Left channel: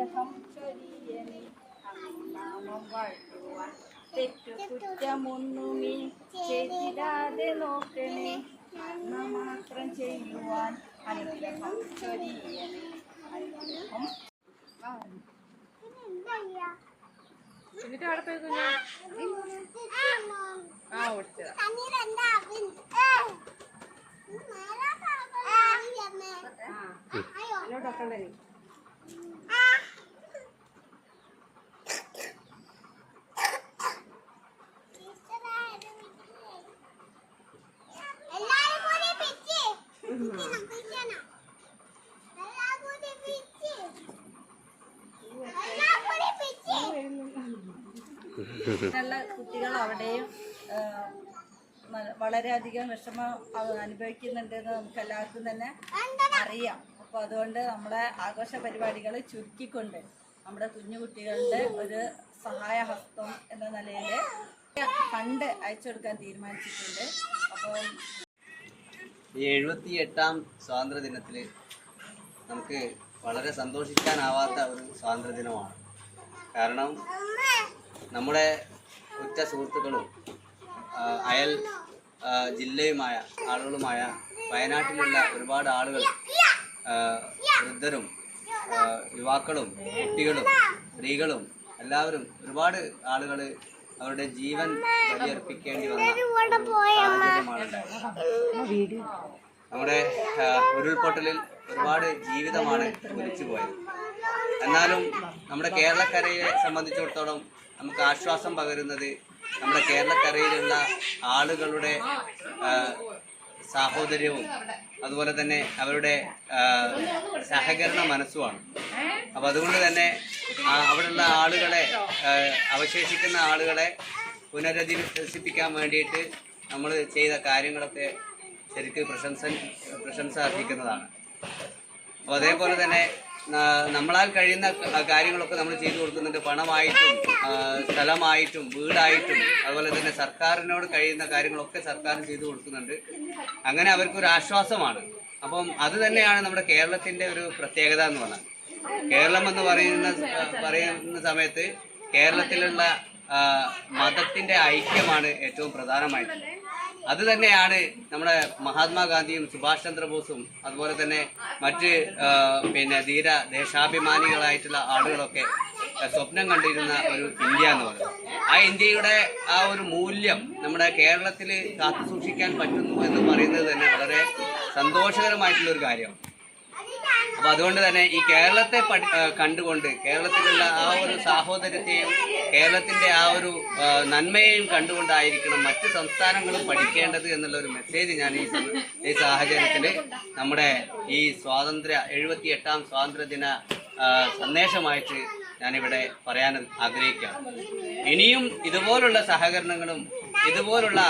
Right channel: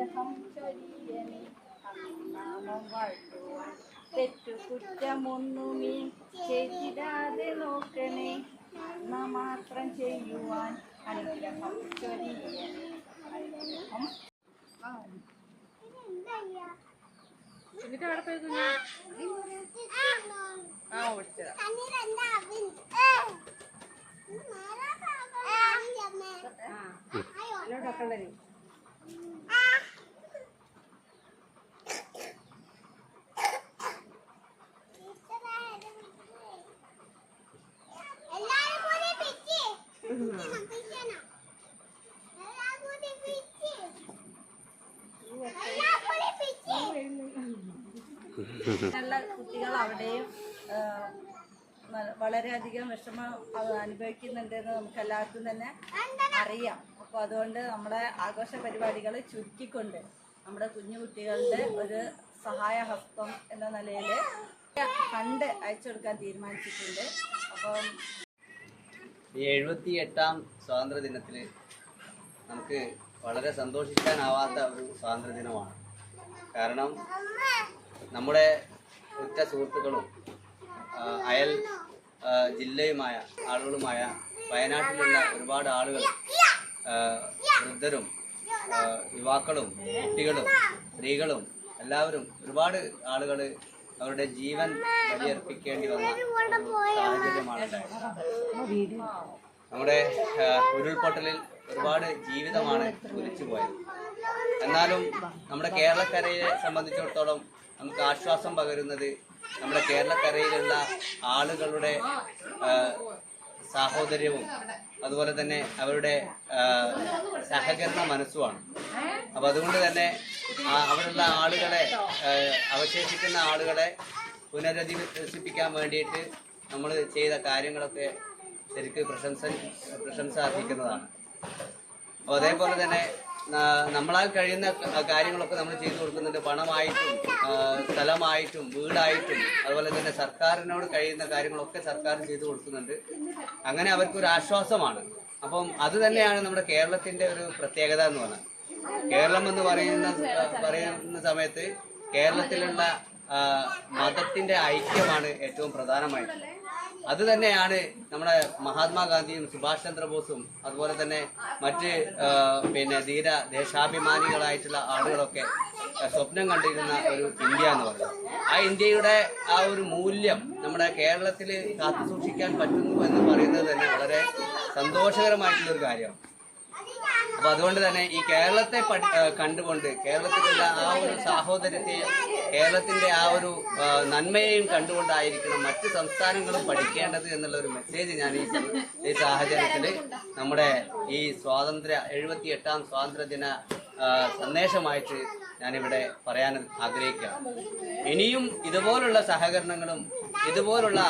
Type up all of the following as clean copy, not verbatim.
അനുഗ്രഹം ചൊരിയണേ. നാമം വാഴ്ത്തുവാൻ തെറ്റു കുറ്റമൊന്നുമേ ചെയ്തിടാതെ നോക്കണേ. നന്മ മാത്രം ചെയ്യുവാൻ അനുഗ്രഹം ചൊരിയണേ. അനുഗ്രഹം എന്നിട്ട് അവിടെ പോയി കുഞ്ഞാ ഓടിച്ചതാ. അതിലോട്ടൊക്കെ ഉള്ളേ കുട്ടികൾ അവിടെയും വളരെയധികം വിഷമം അനുഭവിക്കുന്നുണ്ടെന്ന് നമുക്ക് എല്ലാവർക്കും തന്നെ അറിയാം. അപ്പോൾ അതുകൊണ്ട് നമ്മുടെ ആഘോഷ പരിപാടികൾ ചുരുക്കിക്കൊണ്ട് നമ്മുടെ കുഞ്ഞു കുട്ടികളുടെ ഒരു സഹായഹസ്തം എന്ന നിലയിൽ ഫണ്ട് അയച്ചു കൊടുക്കാൻ തീരുമാനിച്ചിട്ടുണ്ട്. അപ്പം ഈ 78ാം സ്വാതന്ത്ര്യ ദിനത്തിൽ നമുക്ക് വളരെ സന്തോഷിക്കാനാവാത്ത ഒരു സ്വാതന്ത്ര്യ ദിനമാണ്. കാരണം നമ്മുടെ ഉറ്റ സുഹൃത്തുക്കളും അയൽ ജില്ലയുമായ ആളുകളുമായ വയനാട്ടിലുള്ള ഒരുപാട് ആളുകൾ, വൃദ്ധരും യുവാക്കളും കുട്ടികളും സ്ത്രീകളും എല്ലാവരും ഒരുപാട് ആളുകൾ അവരുടെ ജീവൻ ബലിയർപ്പിക്കേണ്ടി വന്ന സാഹചര്യമാണ് ഉണ്ടായത്. നമ്മുടെ ഉരുൾപൊട്ടലിൽ ഒരുപാട് ജീവിതമാണ് ഒലിച്ചു പോയത്. എന്നാലും നമ്മുടെ കേരളക്കരയെ സംബന്ധിച്ചിടത്തോളം നമുക്ക് ആശ്വാസം പകരുന്നത് നമ്മുടെ കേരളക്കരയിലുള്ള ആളുകളുടെ സാഹോദര്യവും അതുപോലെ തന്നെ അവരുടെ സഹകരണ മനസ്സുമാണ്. അപ്പം അതുകൊണ്ട് തന്നെ അവിടെയുള്ള ആളുകളെ, അവശേഷിക്കുന്ന ആളുകളെ പുനരധിവസിപ്പിക്കാൻ വേണ്ടിയിട്ട് നമ്മൾ ചെയ്ത കാര്യങ്ങളൊക്കെ ശരിക്കും പ്രശംസ അർഹിക്കുന്നതാണ്. അപ്പോൾ അതേപോലെ തന്നെ നമ്മളാൽ കഴിയുന്ന കാര്യങ്ങളൊക്കെ നമ്മൾ ചെയ്തു കൊടുക്കുന്നുണ്ട്. പണമായിട്ടും സ്ഥലമായിട്ടും വീടായിട്ടും അതുപോലെ തന്നെ സർക്കാരിനോട് കഴിയുന്ന കാര്യങ്ങളൊക്കെ സർക്കാർ ചെയ്തു കൊടുക്കുന്നുണ്ട്. അങ്ങനെ അവർക്കൊരു ആശ്വാസമാണ്. അപ്പം അത് തന്നെയാണ് നമ്മുടെ കേരളത്തിൻ്റെ ഒരു പ്രത്യേകത എന്ന് പറഞ്ഞാൽ. കേരളം എന്ന് പറയുന്ന സമയത്ത് കേരളത്തിലുള്ള മതത്തിൻ്റെ ഐക്യമാണ് ഏറ്റവും പ്രധാനമായിട്ട്. അത് തന്നെയാണ് നമ്മുടെ മഹാത്മാഗാന്ധിയും സുഭാഷ് ചന്ദ്രബോസും അതുപോലെ തന്നെ മറ്റ് ധീര ദേശാഭിമാനികളായിട്ടുള്ള ആളുകളൊക്കെ സ്വപ്നം കണ്ടിരുന്ന ഒരു ഇന്ത്യ എന്ന് പറയുന്നത്. ആ ഇന്ത്യയുടെ ആ ഒരു മൂല്യം നമ്മുടെ കേരളത്തിൽ കാത്തു സൂക്ഷിക്കാൻ പറ്റുന്നു എന്ന് പറയുന്നത് തന്നെ വളരെ സന്തോഷകരമായിട്ടുള്ളൊരു കാര്യമാണ്. അപ്പോൾ അതുകൊണ്ട് തന്നെ ഈ കേരളത്തെ കണ്ടുകൊണ്ട് കേരളത്തിലുള്ള ആ ഒരു സാഹോദര്യത്തെയും കേരളത്തിൻ്റെ ആ ഒരു നന്മയെയും കണ്ടുകൊണ്ടായിരിക്കണം മറ്റ് സംസ്ഥാനങ്ങളും പഠിക്കേണ്ടത് എന്നുള്ള ഒരു മെസ്സേജ് ഞാൻ ഈ സാഹചര്യത്തിൽ നമ്മുടെ ഈ 78ാം സ്വാതന്ത്ര്യദിന സന്ദേശമായിട്ട് ഞാനിവിടെ പറയാൻ ആഗ്രഹിക്കുകയാണ്. ഇനിയും ഇതുപോലുള്ള സഹകരണങ്ങളും ഇതുപോലുള്ള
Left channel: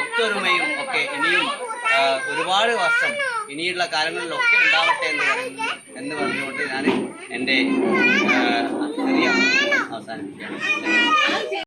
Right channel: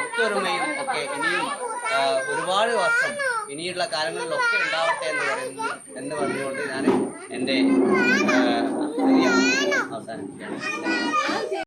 ഒത്തൊരുമയും ഒക്കെ ഇനിയും ഒരുപാട് വർഷം ഇനിയുള്ള കാലങ്ങളിലൊക്കെ ഉണ്ടാവട്ടെ എന്ന് പറഞ്ഞുകൊണ്ട് ഞാൻ എൻ്റെ അവസാനിപ്പിക്കുകയാണ്.